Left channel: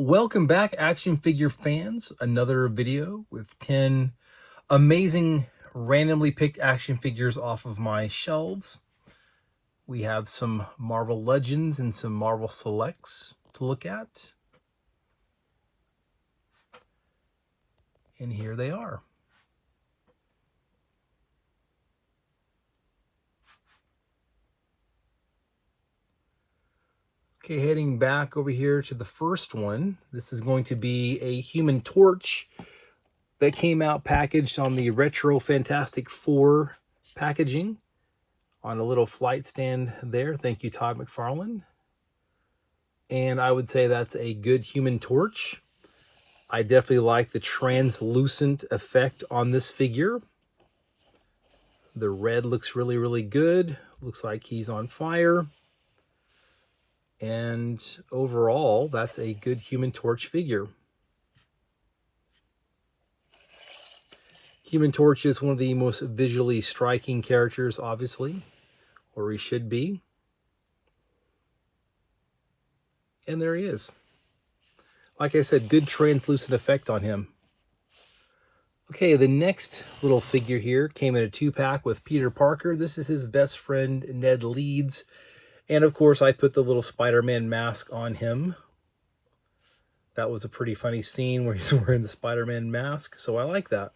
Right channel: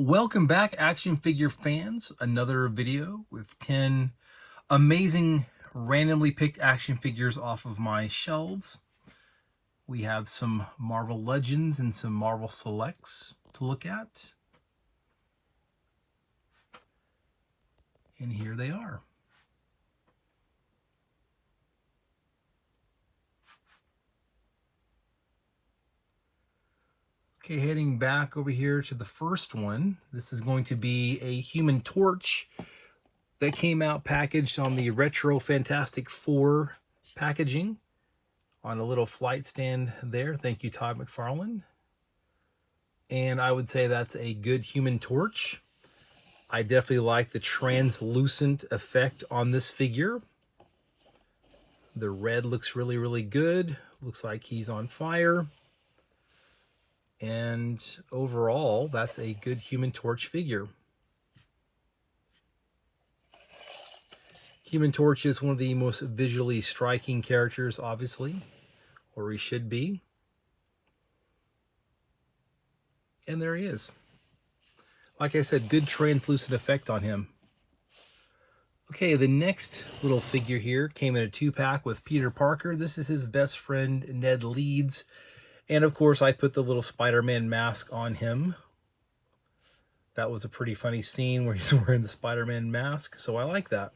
Welcome back, action figure fans. Another video with 10 amazing randomly picked action figures off of my shelves. We have some Marvel Legends and some Marvel Selects to look at. And here they are. Okay, heading back over here to the first one. This is going to be a Human Torch that came out packaged on the Retro Fantastic Four packaging on a little flight stand there. Thank you, Todd McFarlane. And I would say that's a good Human Torch. I definitely like the translucent effect on this figure. The red looks really, really good. Looks like he's on fire. And overall, that's a good Human Torch figure. Human Torch is one of the most visually striking characters, obviously, or he should be. And there he is. Like I said, good translucent effect on him. Okay, the next little figure here came in a 2-pack with Peter Parker. This is his best friend, Ned Leeds. And of course, I put the little Spider-Man mask on him. That was a pretty funny scene where he's wearing the Spider-Man mask, so I like that.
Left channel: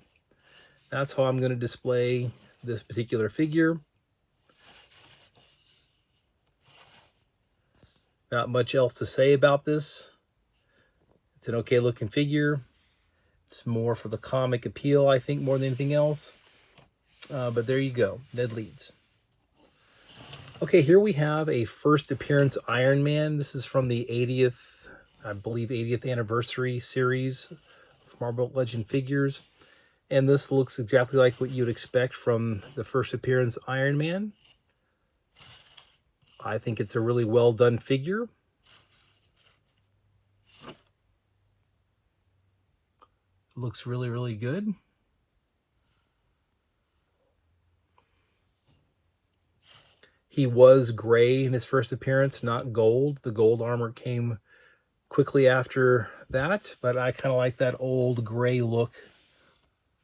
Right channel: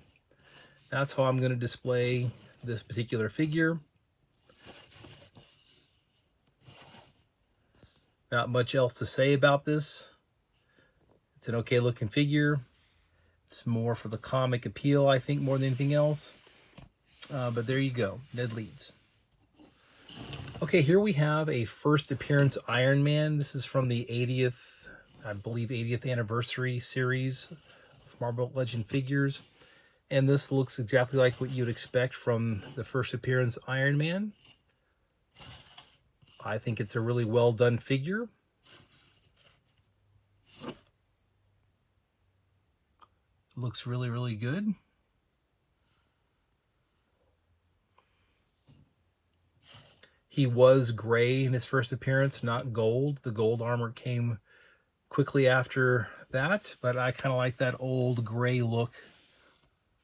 That's how I'm going to display this particular figure. Not much else to say about this. It's an okay looking figure. It's more for the comic appeal, I think, more than anything else. But there you go, Ned Leeds. Okay, here we have a first appearance Iron Man. This is from the 80th, I believe, 80th anniversary series of Marvel Legend figures. And this looks exactly like what you'd expect from the first appearance Iron Man. I think it's a really well done figure. Looks really, really good. He was gray in his first appearance, not gold. The gold armor came quickly after that, but I kind of like that old gray look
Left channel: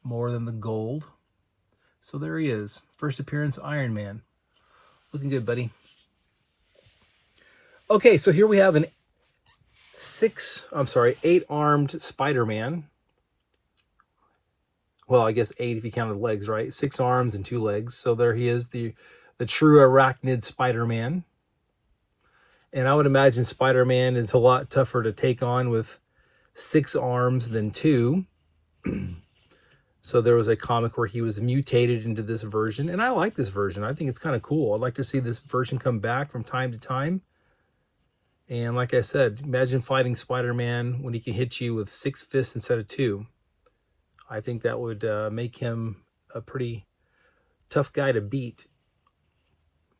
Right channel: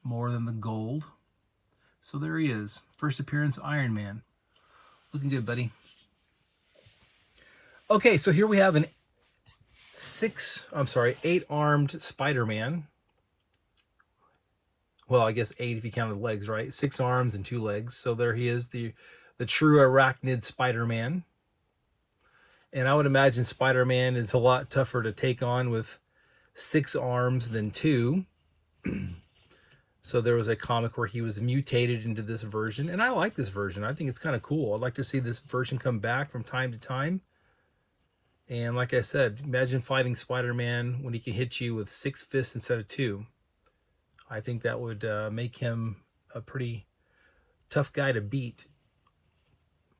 more than the gold. So there he is. First appearance Iron Man. Looking good, buddy. Okay, so here we have an 8-armed Spider-Man. Well, I guess 8 if you count the legs, right? 6 arms and 2 legs. So there he is, the true arachnid Spider-Man. And I would imagine Spider-Man is a lot tougher to take on with 6 arms than 2. So there was a comic where he was mutated into this version. And I like this version. I think it's kind of cool. I'd like to see this version come back from time to time. And like I said, imagine fighting Spider-Man when he can hit you with 6 fists instead of 2. I think that would make him a pretty tough guy to beat.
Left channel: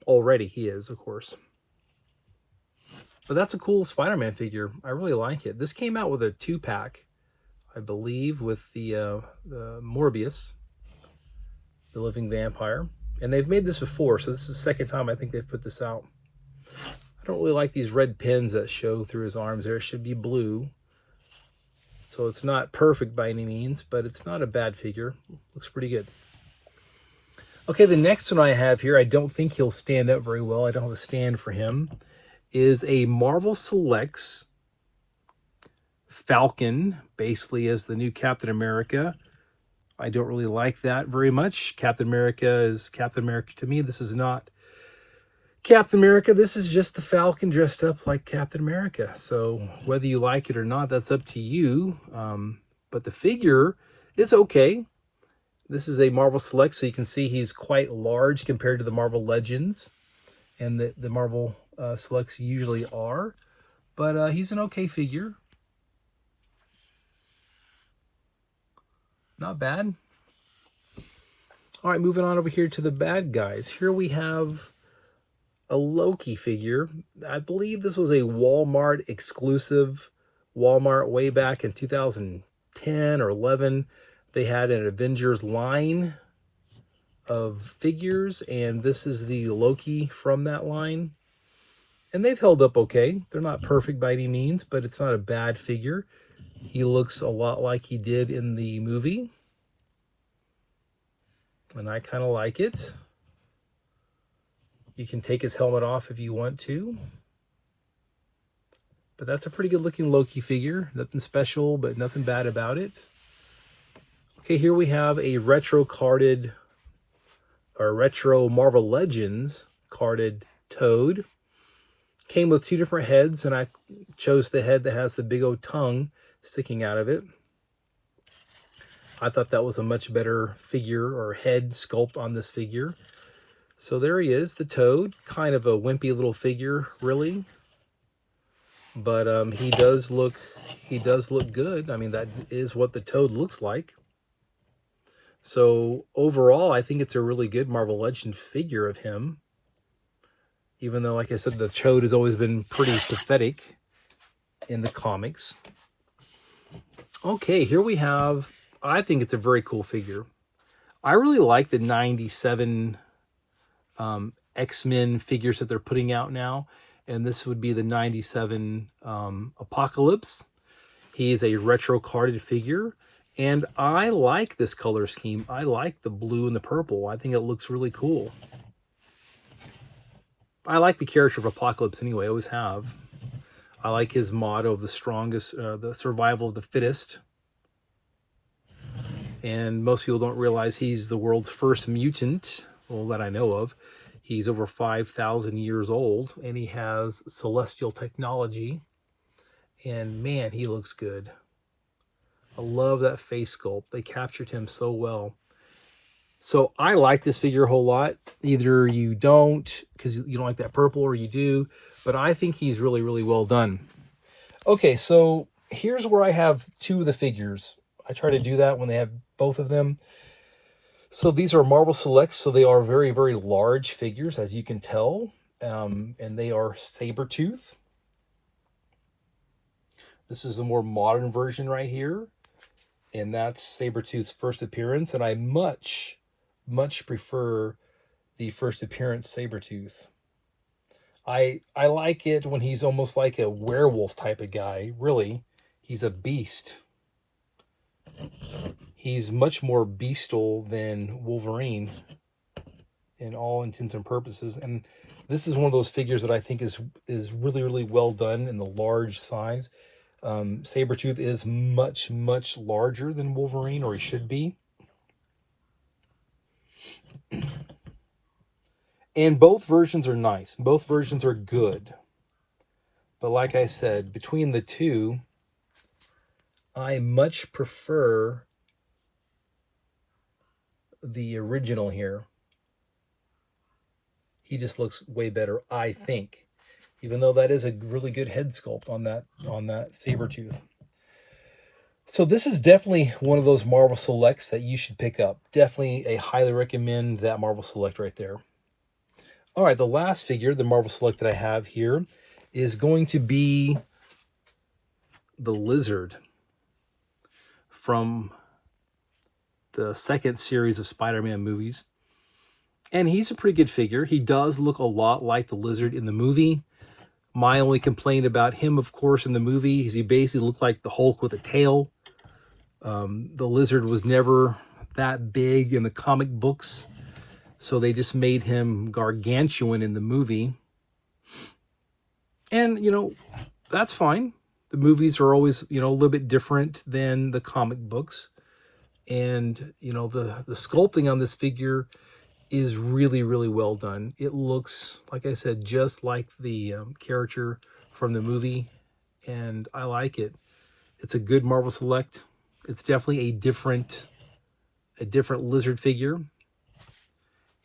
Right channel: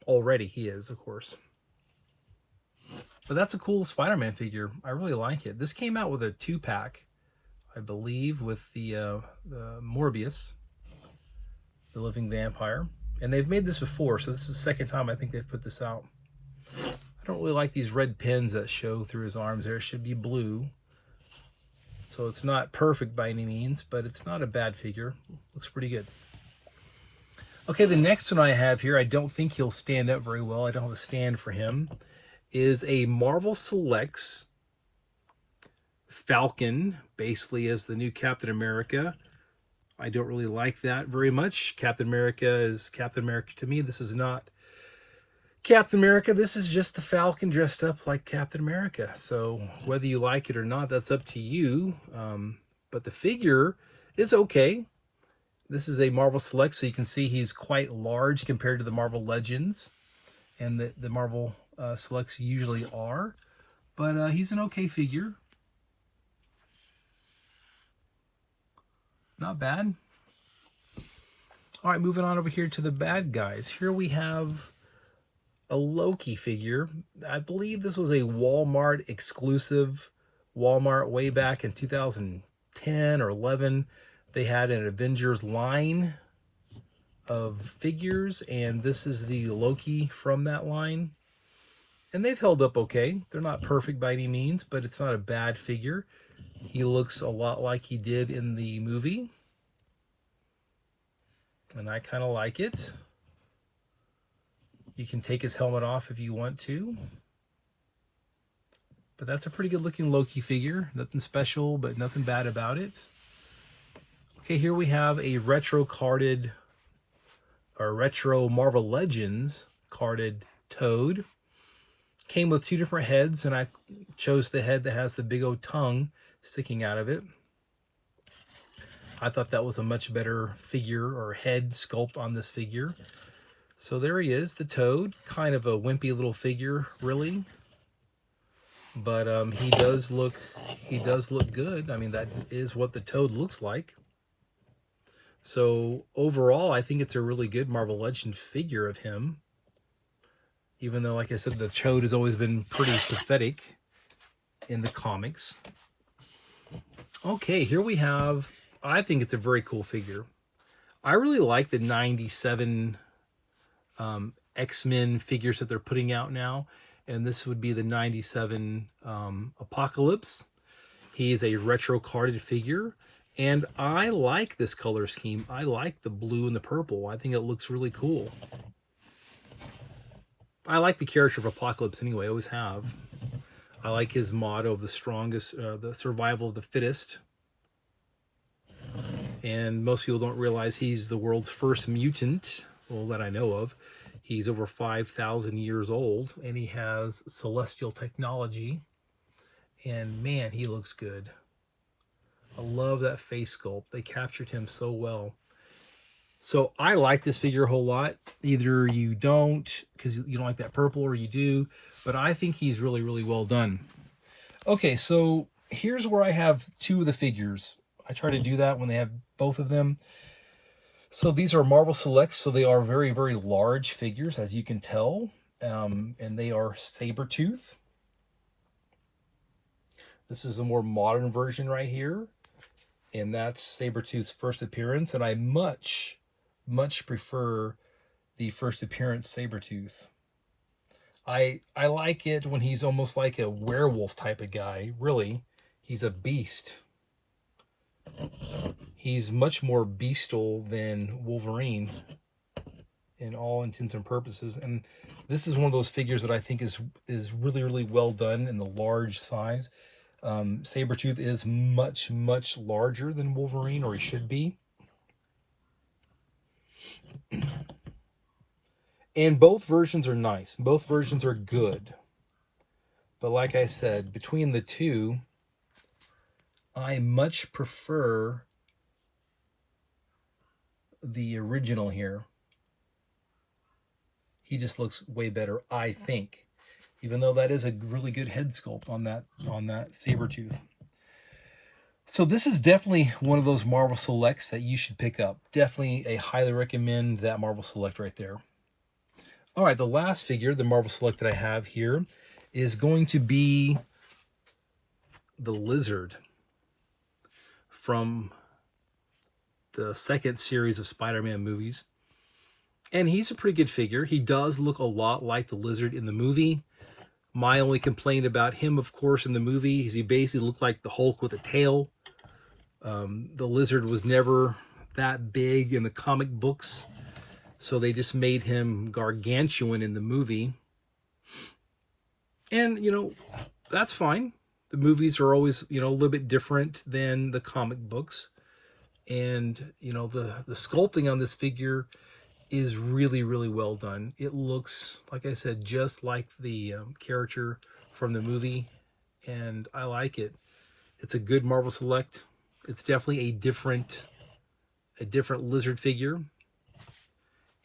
Already he is, of course. But that's a cool Spider-Man figure. I really like it. This came out with a 2-pack, I believe, with the Morbius, the living vampire. And they've made this before, so this is the second time I think they've put this out. I don't really like these red pins that show through his arms there. It should be blue. So it's not perfect by any means, but it's not a bad figure. Looks pretty good. Okay, the next one I have here, I don't think he'll stand up very well. I don't have a stand for him. Is a Marvel Selects Falcon, basically as the new Captain America. I don't really like that very much. Captain America is Captain America to me. This is not Captain America. This is just the Falcon dressed up like Captain America. So whether you like it or not, that's up to you. But the figure is okay. This is a Marvel Select, so you can see he's quite large compared to the Marvel Legends. And the Marvel Selects usually are. But he's an okay figure. Not bad. All right, moving on over here to the bad guys. Here we have a Loki figure. I believe this was a Walmart exclusive. Walmart way back in 2010 or 11. They had an Avengers line of figures, and this is the Loki from that line. And they've held up okay. They're not perfect by any means, but it's not a bad figure. He looks a lot like he did in the movie. And I kind of like it. You can take his helmet off if you want to. But that's a pretty good looking Loki figure. Nothing special, but nothing bad about it. Okay, here we have a retro carded, or retro Marvel Legends carded Toad. Came with two different heads, and I chose the head that has the big old tongue sticking out of it. I thought that was a much better figure or head sculpt on this figure. So there he is, the Toad. Kind of a wimpy little figure, really. But he does look good. I mean, that is what the Toad looks like. So overall, I think it's a really good Marvel Legend figure of him. Even though, like I said, the Toad has always been pretty pathetic in the comics. Okay, here we have, I think it's a very cool figure. I really like the 97 X-Men figures that they're putting out now. And this would be the 97 Apocalypse. He is a retro carded figure. And I like this color scheme. I like the blue and the purple. I think it looks really cool. I like the character of Apocalypse anyway, I always have. I like his motto of the strongest, the survival of the fittest. And most people don't realize he's the world's first mutant, well, that I know of. He's over 5,000 years old, and he has celestial technology. And man, he looks good. I love that face sculpt. They captured him so well. So I like this figure a whole lot. Either you don't, because you don't like that purple, or you do. But I think he's really, really well done. Okay, so here's where I have two of the figures. I try to do that when they have both of them. So these are Marvel Selects, so they are very, very large figures, as you can tell. And they are Sabretooth. This is a more modern version right here. And that's Sabretooth's first appearance. And I much, much prefer the first appearance Sabretooth. I like it when he's almost like a werewolf type of guy. Really, he's a beast. He's much more beastal than Wolverine in all intents and purposes. And this is one of those figures that I think is really, really well done in the large size. Sabretooth is much, much larger than Wolverine, or he should be. And both versions are nice. Both versions are good. But like I said, between the two, I much prefer the original here. He just looks way better, I think. Even though that is a really good head sculpt on that Sabretooth. So this is definitely one of those Marvel Selects that you should pick up. Definitely a highly recommend that Marvel Select right there. All right, the last figure, the Marvel Select that I have here, is going to be the Lizard from the second series of Spider-Man movies. And he's a pretty good figure. He does look a lot like the Lizard in the movie. My only complaint about him, of course, in the movie is he basically looked like the Hulk with a tail. The Lizard was never that big in the comic books, so they just made him gargantuan in the movie. And, you know, that's fine. The movies are always, you know, a little bit different than the comic books. And, you know, the sculpting on this figure is really, really well done. It looks, like I said, just like the character from the movie, and I like it. It's a good Marvel Select. It's definitely a different Lizard figure,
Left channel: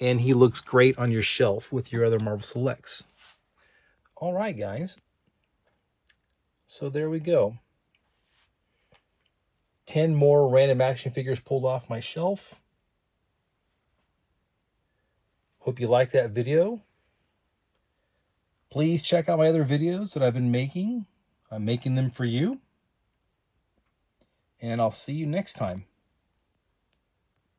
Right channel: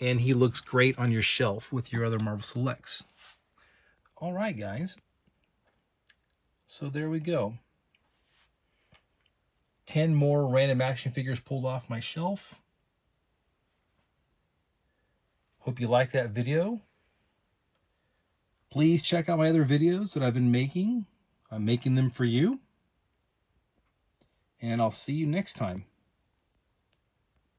and he looks great on your shelf with your other Marvel Selects. All right, guys. So there we go. 10 more random action figures pulled off my shelf. Hope you liked that video. Please check out my other videos that I've been making. I'm making them for you. And I'll see you next time.